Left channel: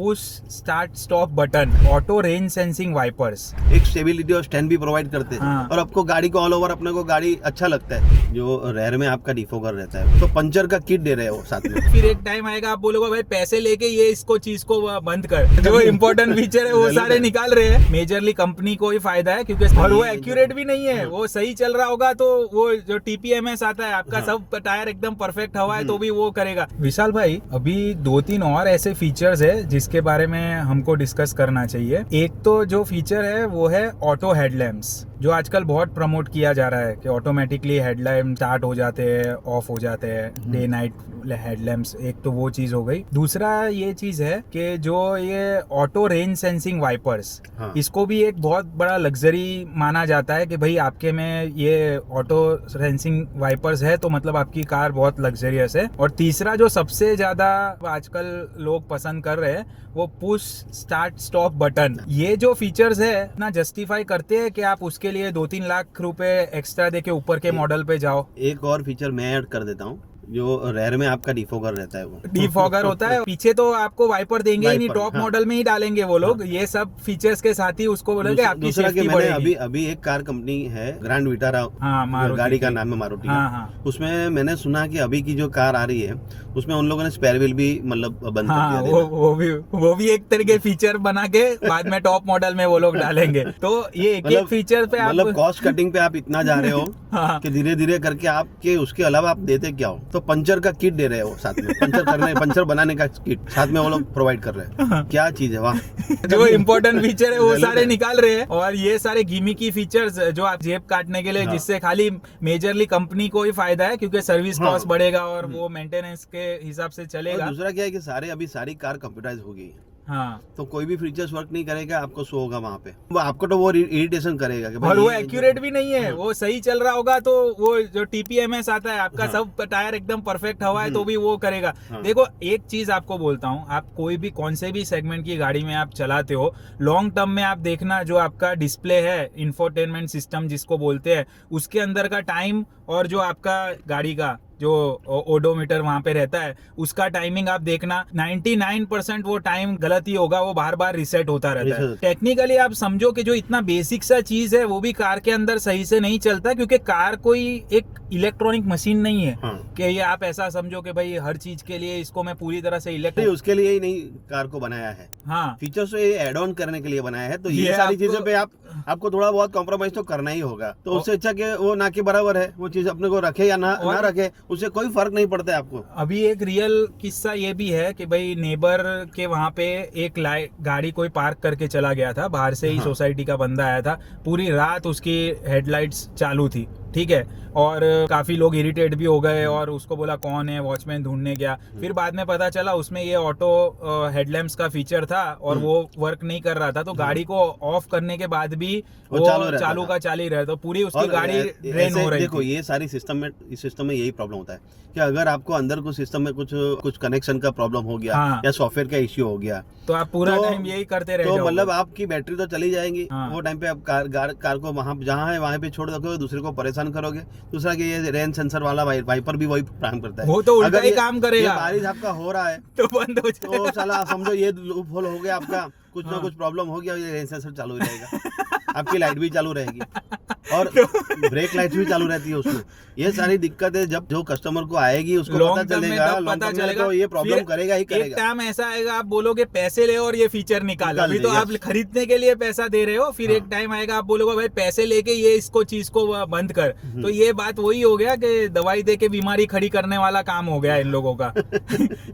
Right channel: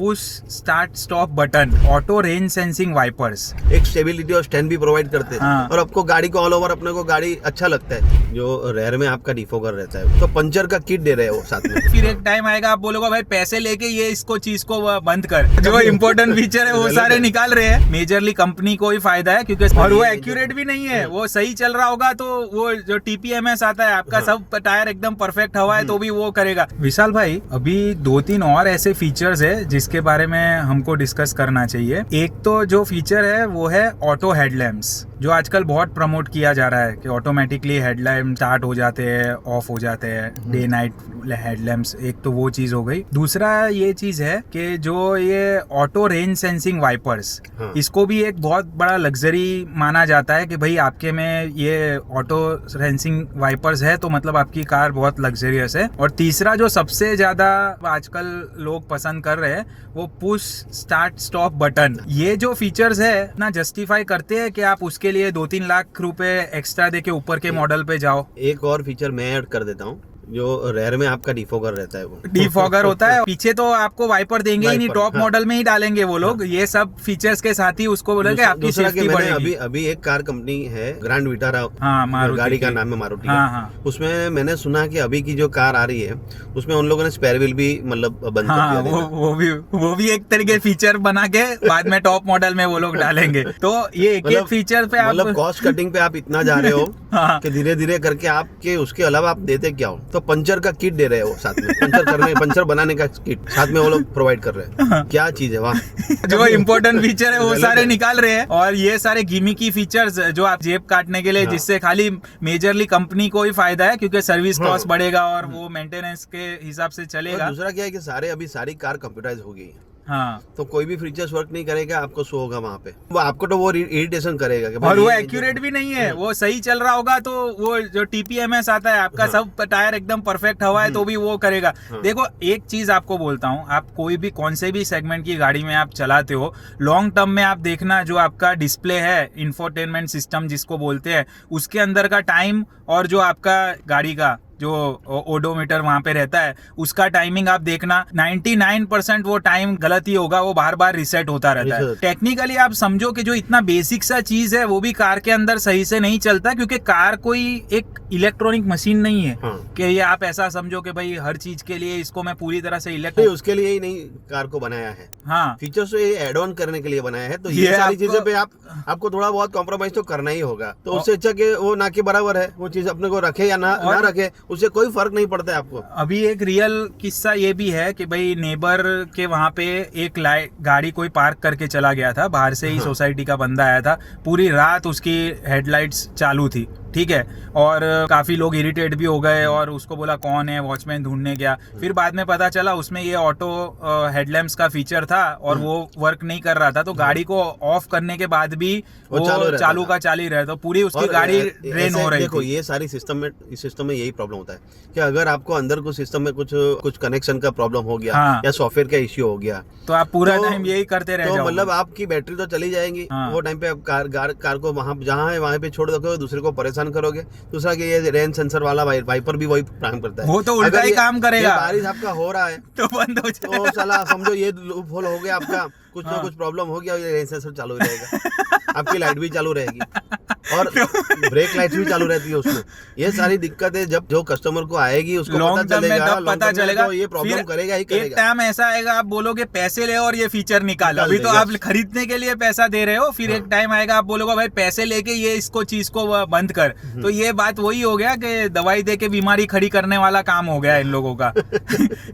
Push start stop button, auto range sensing wipers, एक stability और stand भी provide करते हैं। हाँ। और आपको गाड़ी को ऑल ओवर अपने को गाड़ी अच्छा लगता है। जो रेयर में आपका डिफोगर रहता है, तो पंचर का किट दे रहे हैं वो साथ में। फिर एक टाइम आएगा आप बोलोगे भाई पैसे लेके ये इसको चीज को बंद कर, जो इम्पोर्टेंट फीचर है वो सारे निकाल रहे हैं। मेजरली कंपनी को ही फायदा है क्योंकि और वो एक्यूरेट भी नहीं है। वो सही चल रहा होगा तो वो जो TPMS आता है आपका, सब टायर एकदम परफेक्ट हवा है तो भी वो करेगा। विशाल भाई, अभी 2-3 और ऐसे फीचर्स है जिसके बारे में हमको डिस्कस करना चाहिए। एक तो जो फीचर है वो है ऑटो हेडलैम्प्स, जो आजकल बहुत प्रमोट किया जा रहा है कि ऑटोमेटिकली हेडलैम्प स्टार्ट हो जाते हैं, ऑफ हो जाते हैं, डे नाइट हेडलैम्प्स। एक तो वो चीज हो गई। दूसरा ये चीज है कि जो ये ऑटो रेंज सेंसिंग वाइपर्स, इसको भी एक बहुत बड़ा लग्जरी माना जाता है कि भाई आपके में ये ऑटो सेंसिंग वाइपर्स है तो मतलब आपकी कार बहुत लग्जरियस है। और तीसरा जो सबसे ज्यादा आजकल लोग पसंद कर रहे हैं वो पुश स्टार्ट स्टॉप बटन। ये जो फीचर्स है ना जस्टिफाई करते हैं कि आप उसके लिए 2-3 लाख रुपए एक्स्ट्रा देके ऊपर के मॉडल पे जाओ। एक और फीचर मैं ऐड कर देता हूँ, जो रेयर में आपका डिफोगर रहता है। वो डिफॉगर होता है, पीछे तो आपको वाइपर देंगे ही नहीं, टॉप मॉडल में ही डालेंगे वो लोग। ये सब फीचर्स के साथ ही उसको बोलेंगे आपकी सेफ्टी बढ़ेगी। अभी एक कार कंपनी है ग्रैंड विटारा, मारुति गाड़ी का नाम है मारुति। हाँ। उसमें मैंने सुना कि अभी की जो कार आ रही है उसमें उन लोगों ने स्पेयर व्हील भी मतलब बंद कर दिया देना। वो भी एक तरीके फीचर बना के बाद में टॉप मॉडल में वो लोग डालेंगे। तो ये एक फीचर पे आप मतलब कॉस्ट कटिंग पे आप इतना जा रहे हो कि धीरे धीरे करके आपके उसके अलावा आप देते क्या हो। तो पंचर का किट दे रहे हैं वो साथ में, पंचर बनाने का किट साथ में वो लोग प्रोवाइड कर रहे हैं। क्या चीज है वहाँ। जो इम्पोर्टेंट फीचर है वो सारे निकाल रहे हैं और ये सारे गिमिकी फीचर्स जो आप जेब काटने के लिए, जिससे खाली मेजरली कंपनी को ही फायदा है क्योंकि सर्विस कॉस्ट बढ़ेगा और वो मेंटेनेंस के हिसाब से चलेगा। दूसरा क्या है कि सारी कार कंप्यूटराइज हो गई है। हाँ, तो कोई भी फीचर्स वर्क नहीं करेगा, आपको शो होगा वहाँ पे। आपको तो वो इरिटेशन करेगा कि और वो एक्यूरेट भी नहीं है। वो सही चल रहा होगा तो वो जो TPMS आता है आपका, सब टायर एकदम परफेक्ट हवा है तो भी वो करेगा। देखो एक चीज आपको बोलता हूँ, आप कोई भी कौन से भी सेगमेंट की गाड़ी में आप चलाते हो, लॉन्ग टर्म में आप देखना जो आपका डिस्प्ले है, इंफोटेनमेंट सिस्टम जिसको बोलते हैं, उसके अंदर का टाइम और जो आपका गाड़ी का जो ओडोमीटर वहां पे रहता है उसका टाइमिंग आप देखना, 99% वो टाइम गलत ही होगा, वो बार बार रिसेट होता रहता है। टेक्निकली आप समझो कि जो इतना बेसिक सा चीज है वो भी कार के अंदर सही से नहीं चलता क्योंकि कार कोई एक इलेक्ट्रॉनिक मशीन नहीं है कि ये आप ऐसा समझो कि भाई हर चीज के लिए इसको मैं पूरी तरह से इलेक्ट्रॉनिक, उसके लिए ही नहीं कार को बनाया है। हाँ, फीचर्स एड ऑन करने के लिए बनाया है। तो ये सारी चीजों पे आपको थोड़ा बहुत कॉम्प्रोमाइज तो करना ही होगा। तो उससे अच्छा कि वो ना के बराबर है, वो चीज अपने को रखे या ना रखे, उससे कोई फर्क नहीं पड़ता है आपको। अभी एक रियल किस्सा ये भी है कि भाई नेबर के वहां पे एक गाड़ी कोई पार्क करके चला गया था, बाहर से ही सोसाइटी का बंदा आया था, पूरी रात उसकी हेडलाइट्स चालू थी, ठीक है, और काफी लोग इरिटेट भी हो गए और उसको बोला कौन है, वॉचमैन ढूंढने गया। फिर बाद में पता चला उसमें ये ऑटो हेडलैम्प्स का फीचर था और वो वर्क नहीं कर रहा था, तो गाड़ी को ऑफ करने के बाद भी वो चालू का चालू ही रहा, तो पूरी उसकी गाड़ी ड्रेन हो रही देखो थी। ये सारी सिस्टम में यही प्रॉब्लम होता है कि अगर आपको अंदर कुछ सिस्टम में कुछ कनेक्शन का प्रॉब्लम हो गया या सॉफ्टवेयर का इश्यू हो गया तो आप पूरा टाइम यही करते रह जाओगे। मतलब आपकी बैटरी तो चली जाएगी। वो टाइम पे आप कार को वहाँ जहाँ है वहाँ पे छोड़ दोगे, दूसरे को परेशान करोगे। दूसरा कि ये रेन सेंसर वाला वाइपर भी वही काम करता है, वो तो उल्टा ही काम करेगा। बारिश आपका हो रहा है तो बंद हो जाएगा। तो साला समझो ये लूप होल हो गया आपका, कुछ ना कुछ प्रॉब्लम हो गया, ये रेन सेंसर चालू रहेगा, आपकी लाइट भी चालू रहेगी और ब्रेक लाइट भी चालू रहती है उसमें। ये सारी दिक्कतें जब जो कस्टमर को आएगी उसको पता चलेगा तो ये प्रॉब्लम करेगा ही करेगा। एक टाइम ऐसा आएगा आप बोलोगे पैसे ले और ये फीचर निकाल। अभी तो आप खरीदने के लिए पैसा दे रहे हो, फिर एक टाइम आएगा आप बोलोगे भाई पैसे लेके ये इसको चीज को बंद कर। तो ये बात वही हो गया कि दवाई दे के बीमारी खड़ी करने वाला काम हो गया इन लोगों का।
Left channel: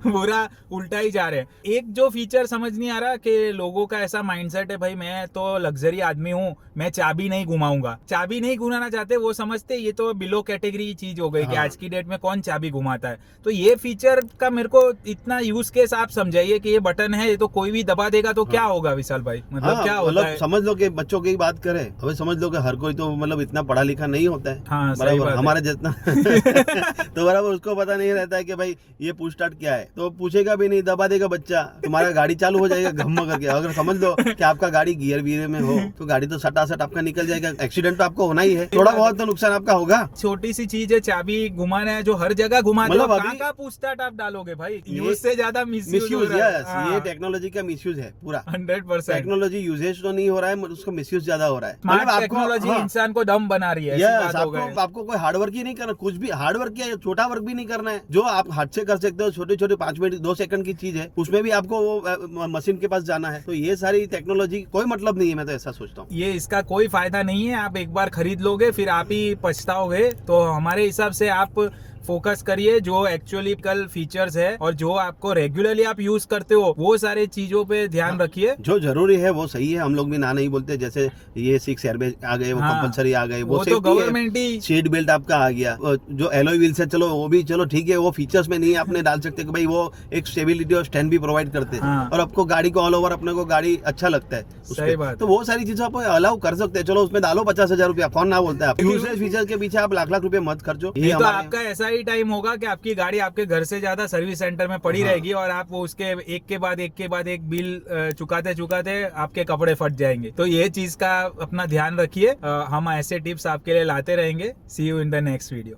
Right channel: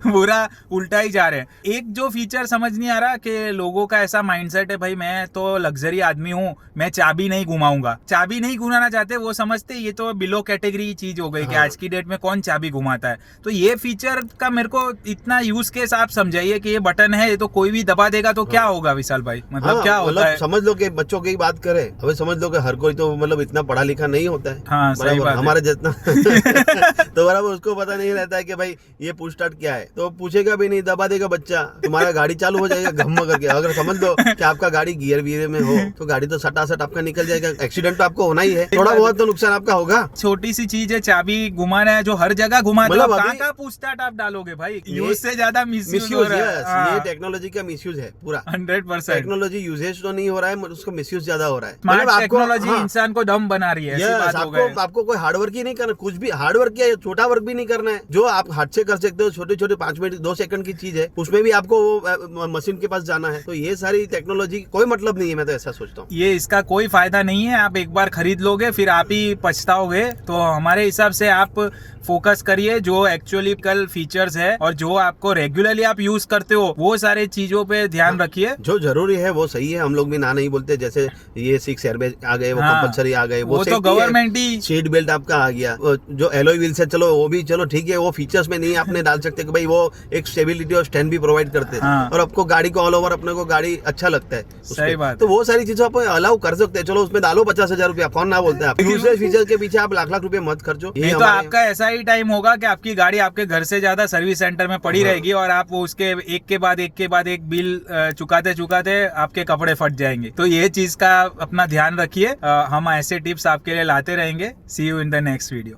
पूरा उल्टा ही जा रहे हैं। एक जो फीचर समझ नहीं आ रहा कि लोगों का ऐसा माइंडसेट है भाई मैं तो लग्जरी आदमी हूँ, मैं चाबी नहीं घुमाऊंगा। चाबी नहीं घुमाना चाहते, वो समझते ये तो बिलो कैटेगरी चीज हो गई कि आज की डेट में कौन चाबी घुमाता है। तो ये फीचर का मेरे को इतना यूज केस आप समझाइए कि ये बटन है, ये तो कोई भी दबा देगा तो क्या होगा विशाल भाई, मतलब क्या होता है? समझ लो कि बच्चों की बात करें, अभी समझ लो कि हर कोई तो मतलब इतना पढ़ा लिखा नहीं होता है। हाँ, सही बात हमारे जितना तो बराबर उसको पता नहीं रहता है कि भाई ये पुश स्टार्ट क्या है, तो पूछेगा भी नहीं, दबा देगा बच्चा, तुम्हारा गाड़ी चालू हो जाएगा घम करके। अगर समझ लो कि आपका गाड़ी गियर वियर में हो तो गाड़ी तो सटासट आपका निकल जाएगा, एक्सीडेंट तो आपका आपको होना ही है, थोड़ा बहुत तो नुकसान आपका होगा। छोटी सी चीज है, चाबी घुमाना है जो हर जगह घुमाते हो, मतलब कहाँ अभी- कहाँ पूछताछ आप डालोगे भाई, ये- यूज से ज्यादा मिसयूज हो मिसयूज, रहा है। यस, ये टेक्नोलॉजी का मिसयूज है पूरा। 100%। टेक्नोलॉजी यूजेज तो नहीं हो रहा है, उसका मिसयूज ज्यादा हो रहा है। स्मार्ट मतलब आपको- टेक्नोलॉजी हाँ, इंसान को दम बना रही है, ऐसी यस, बात हो गई। आपको कोई हार्ड वर्क ही नहीं करना, कुछ भी हार्ड वर्क या छोटा वर्क भी नहीं करना है, जो आप हाथ से कर सकते हो, छोटे छोटे 5 मिनट 2 सेकंड की चीज है, उसमें भी आपको वो मशीन के पास जाना है। तो ये सारी टेक्नोलॉजी कोई मतलब नहीं है, मैं तो ऐसा सोचता हूँ। ये इसका कोई फायदा नहीं है, आप एक बार खरीद लोगे फिर आप ही पछताओगे। तो हमारे हिसाब से आप फोकस करिए जो एक्चुअली कल फीचर्स है और जो आपको रेगुलरली आप यूज करते हो वो सारे चीजों पे ध्यान रखिए। जो जरूरी है वो सही है, हम लोग भी ना नहीं बोलते, जैसे ये 6 एयरबैग आ गए, वो हाँ, कंपलसरी आ गए, वो तो safety है। गवर्नमेंट ही। सीट बेल्ट आपका आ गया, वो जो एलॉय व्हील्स है, चलो वो भी चलो ठीक है, वो फीचर्स में नहीं आपने डाल सकते कि भाई वो एक स्टेबिलिटी और स्टैंड भी प्रोवाइड करते हैं, हाँ। और आपको गाड़ी को ऑल ओवर अपने को गाड़ी अच्छा लगता है सही उसपे। बात तो वो सारी चीजें आप अलाउ कर सकते हैं, चलो उसमें डालो 50,000 रुपया, कौन ना बोलते हैं। आप यूजलेस फीचर के पीछे आप लाख लाख रुपए मत खर्चो। ये नहीं तो हमारे- आपका ऐसा ही टाइम होगा कि आपकी गाड़ी आपके घर से ज्यादा सर्विस सेंटर में पड़ी रहेगी और आप उसके एक के बाद एक बिल चुकाते चुकाते आपके कपड़े फट जाएंगे। तो ये चीज का अपना ध्यान रखिए। हम ऐसे टिप्स आपके लिए लाते रहेंगे। See you in the next video.